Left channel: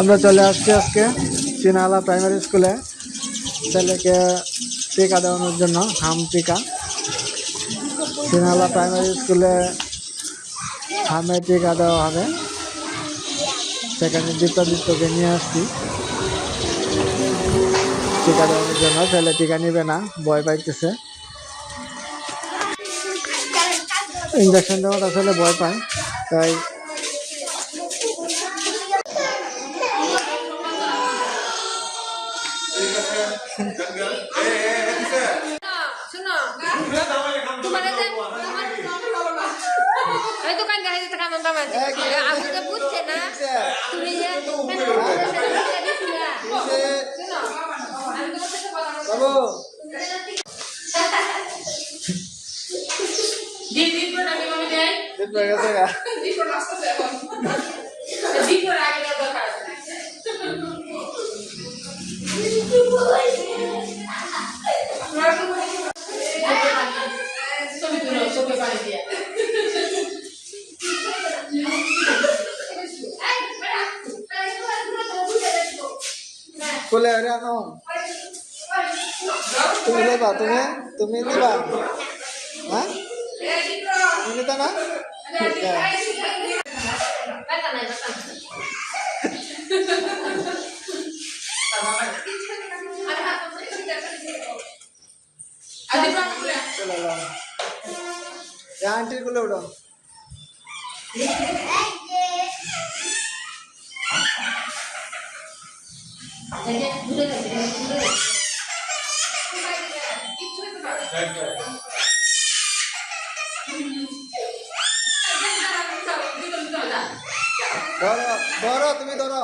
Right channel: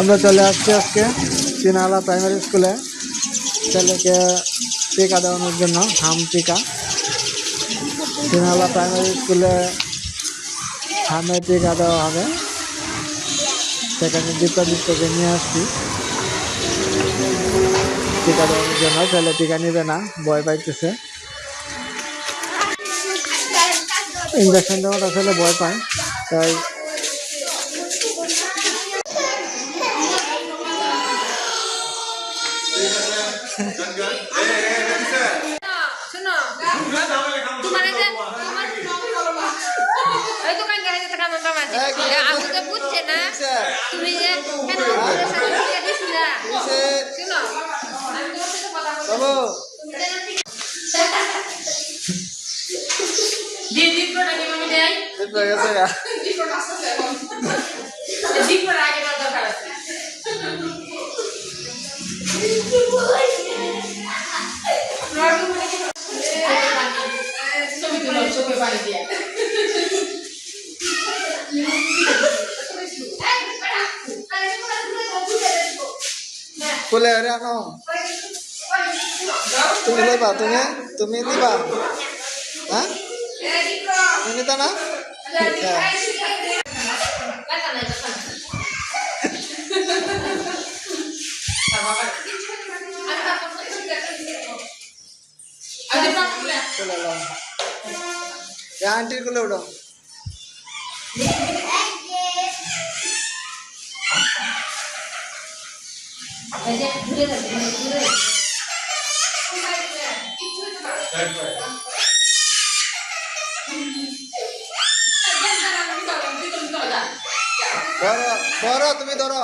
আমরা চলে আসছি আজকে চিনালা প্রাইমারি স্কুলে ছেলেকে টিকা দেওয়ানোর জন্য হাম টিকা। চিনালা প্রাইমারি স্কুলে হামে টিকা দেওয়া হবে, সেখানে দীপ্তকে নিয়ে আসছি টিকা দেওয়ানোর জন্য। ছেলে টিকা নিবে না, ভয় পাইতেছে। ইঞ্জেকশন দেওয়াটা ছেলে ভয় পায়, তাই কোলে আরে আনো, তুমি লইবা, তুমি দিবা, হ্যাঁ তুমি নিতা না? আন্টির কোলে উঠো। ধরো ধরো, তুমি ধরো।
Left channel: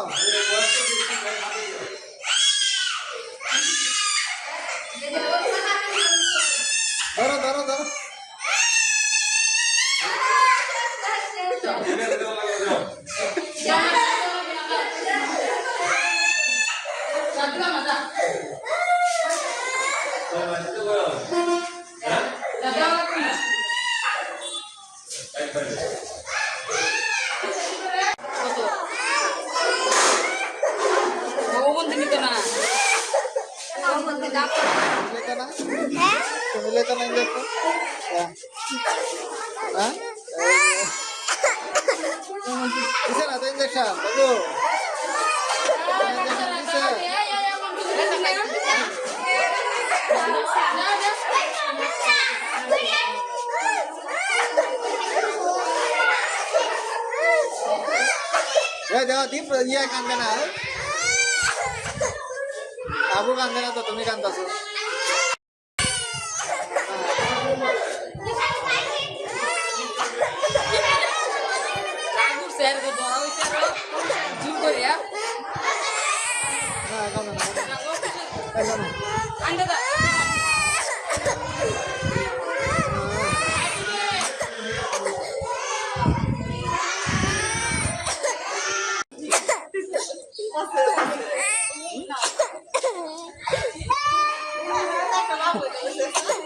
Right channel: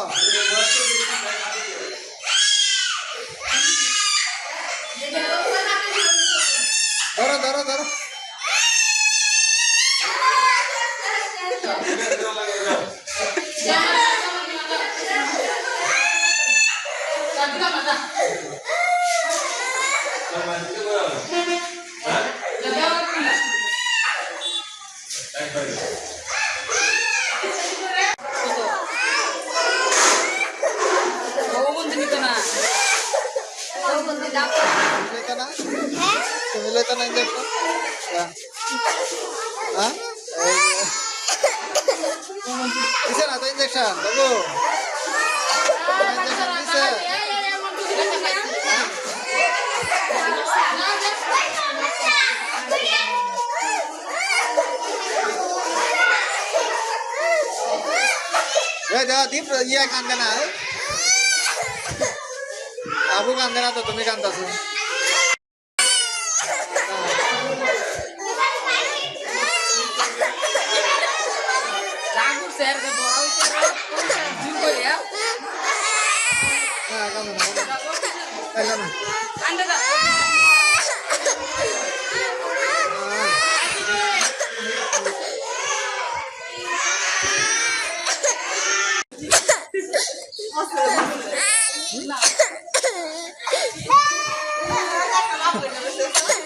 ধরো ধরো ধরো। তুমি লেতো না ইঞ্জেকশন? হ্যাঁ দিছে না তো ইঞ্জেকশন? বাবু ইঞ্জেকশন দিছে? দীপ ইয়ে কান্দে না, আবু কান্দে না তো তুমি কান্দাছো।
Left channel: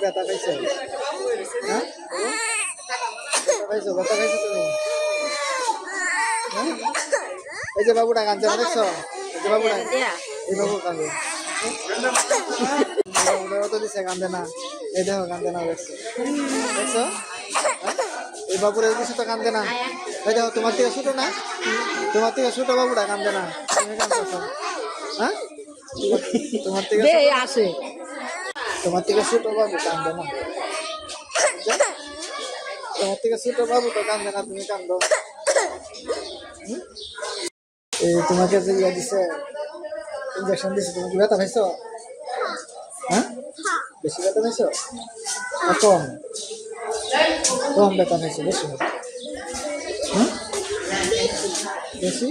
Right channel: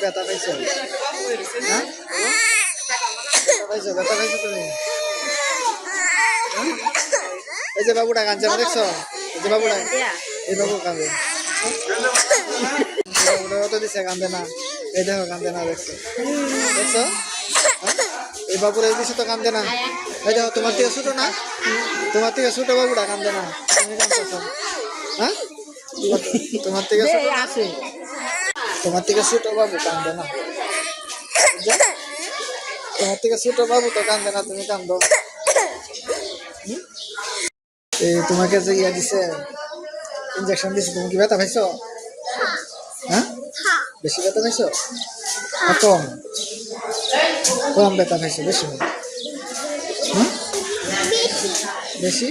ব্যথা পাইছো? হ্যাঁ ব্যথা পাইছো তুমি? এই যে বাবুটা কাঁদছে, দেখছো? এই যে বাবুটা, এই বাবু কাঁদে, বাবুটা অত দিছে, কান্দে না। এই দেখো কান্দে না, দেখছো? দেখছো এই বাবুরা দিছে তো কান্দে না। এই দেখো তোমার থেকে ছোট না, তোমার থেকে ছোট বাবুটা কান্দে না, তুমি কান্দছো। হ্যাঁ তোমার থেকে আসে, তোমার থেকে ছোট বাবু কান্দে না, তোমার থেকে ছোট বাবু তো কান্দে না, তুমি কান্দো। এই তোমাকে যে ইয়া দিছে, ইঞ্জেকশন দিছে, তুমি কি ব্যথা পাইছো? হ্যাঁ বেশি ব্যথা পাইছো আর কম? কম ব্যথা পাইছো, বেশি বেশি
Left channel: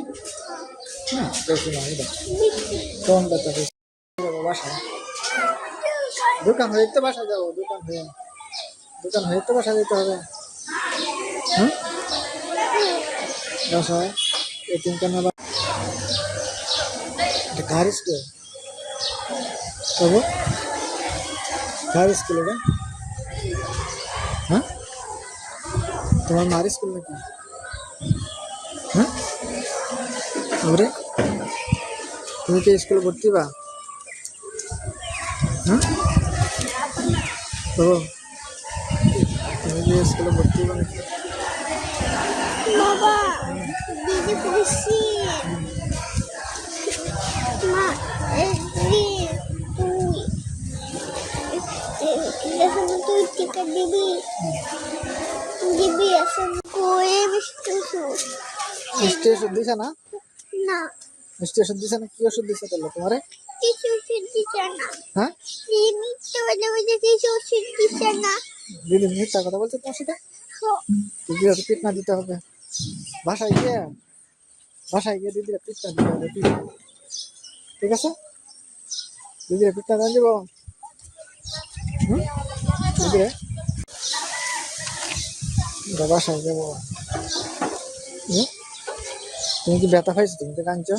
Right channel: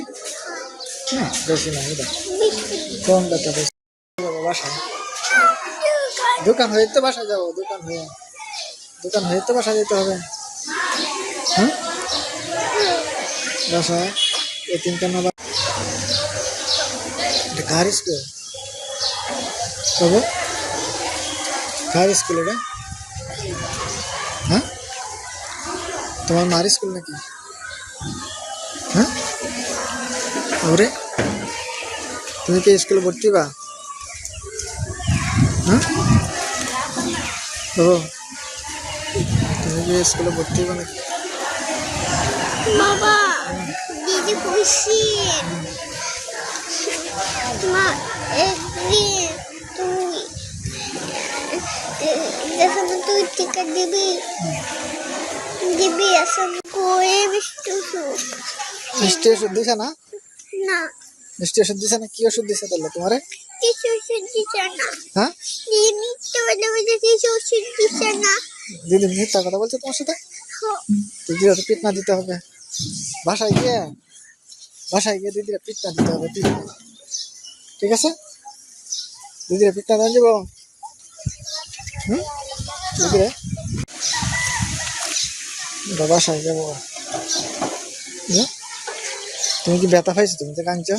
না? বেশি না, কম ব্যথা পাইছো। যাবো বাসায়, দোকান হয়ে তো বাসায় যাবো, দোকান হয়ে তো বাসায় যেতে হবে। হ্যাঁ বাসায় এতিমখানা এটা কার স্কুল? বাবু কার স্কুল এটা? হ্যাঁ তোমার মার স্কুল নাকি? হ্যাঁ আরে তুমি কি স্কুলে ভর্তি বা? হ্যাঁ ও তুমি কি স্কুলে ভর্তি বা নাকি? বাবা দিদি খুশি মা একদিন তুই যখন তুই টিকা দিবি দিবি আসন করে মিষ্টি ওষুধ মিষ্টি ওষুধ দিছে না? না মিষ্টি ওষুধ দিছে না? কি ওষুধ দিছে তাহলে তোমারে? কিছু ওষুধ দিচ্ছে না হ্যাঁ মিথ্যে বলে বলে কিছু ওষুধ দিচ্ছে না দিদি মিথ্যা কথা বলছে তোমার সাথে? দিদিরা তো পিটনা দিতে হবে বাসায় গিয়ে দিদিরা পিটনা দিতে হবে পিটনা। ঠিক আছে দিদিরা পিটনা দেন দিব দিদিরে বাসায় যাবো। তুমি কি ব্যথা পাইছো? তুমি তো কাঁদছো।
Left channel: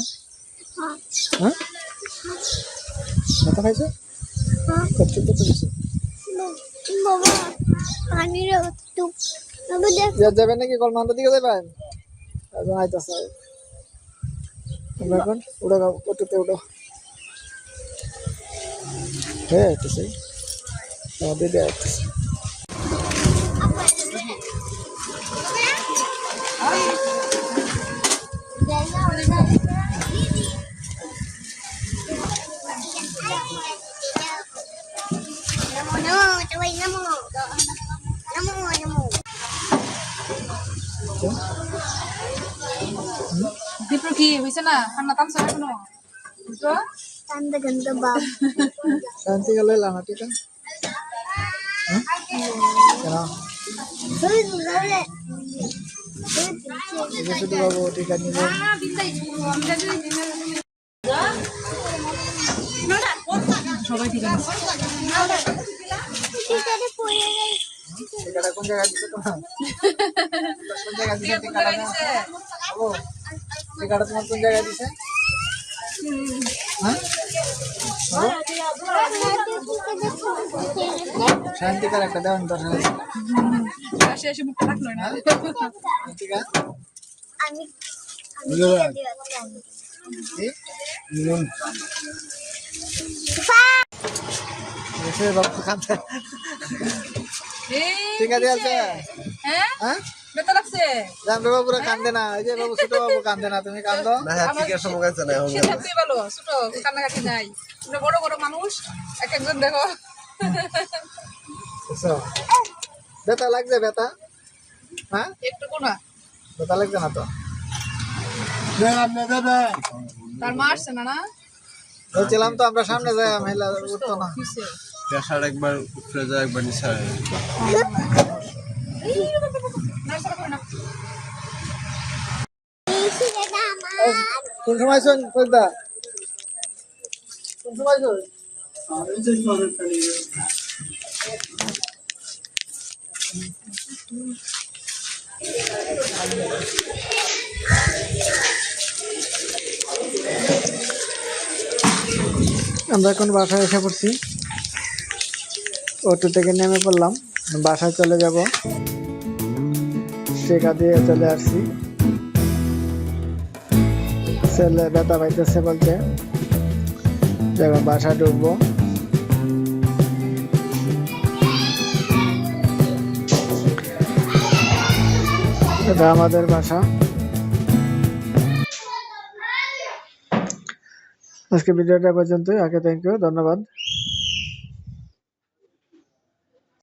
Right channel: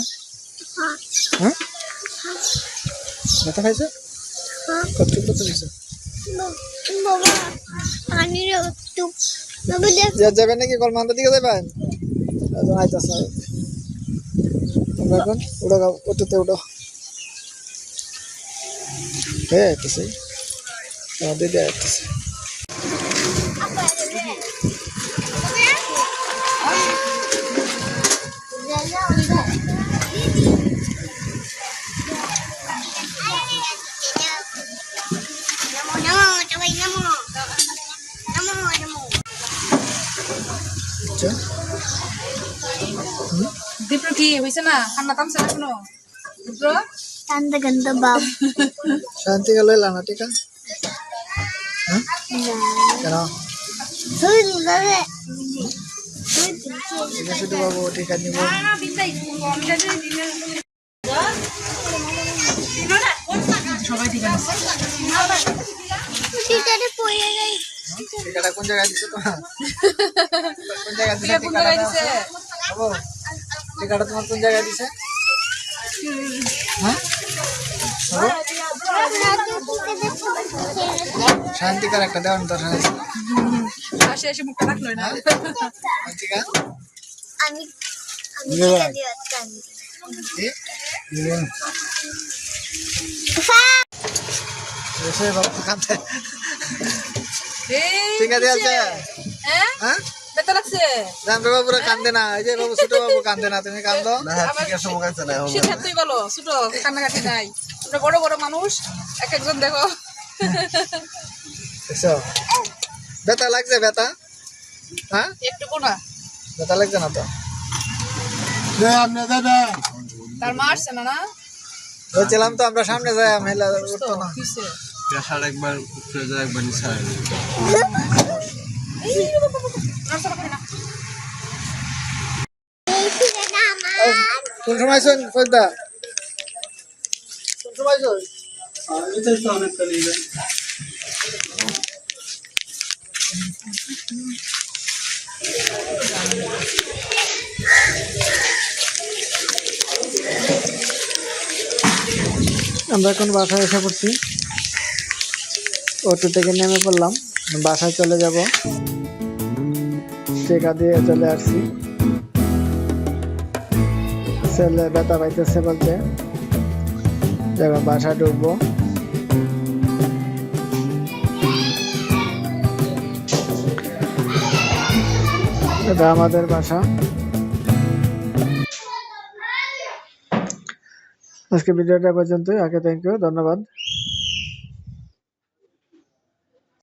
হ্যাঁ ব্যথা পাইছো? কত দিছো? বাবা পানির একটু বাবা দেখ যাবেন নাকি কলমান্দার দিকে যাবেন? আইতাছে আমরা এখন উঠো অটোতে উঠো। হ্যাঁ আইতেছে দিদি আইতেছে। আচ্ছা দীপ্র কি হয়েছে না? ঠান্ডা থামছে না এখনো? দীপ্র ঠান্ডা গন্ধ বাপ শান্তি গেল না টিকা? হ্যাঁ কেন? শুধু বাবু টিকা নিব। সবাই ঠিক আছে। টিকাটা কোন জায়গায় দিছে তোমার? কোন জায়গায় দিছে টিকাটা? বাবু টিকাটা তোমার কোন জায়গায় দিছে? হ্যাঁ শান্তিকার একটা দেওয়ার দরকার আছে। আসে এসে মুখটা রাখলো না। টিকা আমি টিকা দিওয়ার এসে বাবু কাঁদছে। এই টিকা দিয়েছে? হ্যাঁ হ্যাঁ ব্যথা লাগছে। জানবে বাবুরা কান্দে না। এই যে বাবু ছোট বাবু কান্দে না, তুমি কান্দো? সেটাই বলো ছোট কান্নাকাটি নাই। তোমরা বড় বড় মানুষ এক একজন দেখো। এসো ব্যথা লাগছে? ব্যথা হ্যাঁ একটুকু না। ব্যথা লাগছে না তো? তার মা আসছে না? না বলছিলাম তো আমরা সামনে যাই মহিলা উঠতো না। কিসে? প্রেশার একবার উপরে যায় একবার নিচে হয়। নার্সারা করে না। কোন সময় শোন ফজদা? কোন সময় শোন? আমরা এখন বাসায় এসে পড়ছি। অটো থেকে নেমে পড়লাম, বাসায় চলে যাব। টিকা দিয়ে চলে আসছি। ছেলে ব্যথা পাইতেছে বলছে, যখন বাসায় ঢুকবো। এটা আমাদের বাসা। আজকে ভিডিওটা পর্যন্তই। আগে থ্যাংক ইউ, ধন্যবাদ।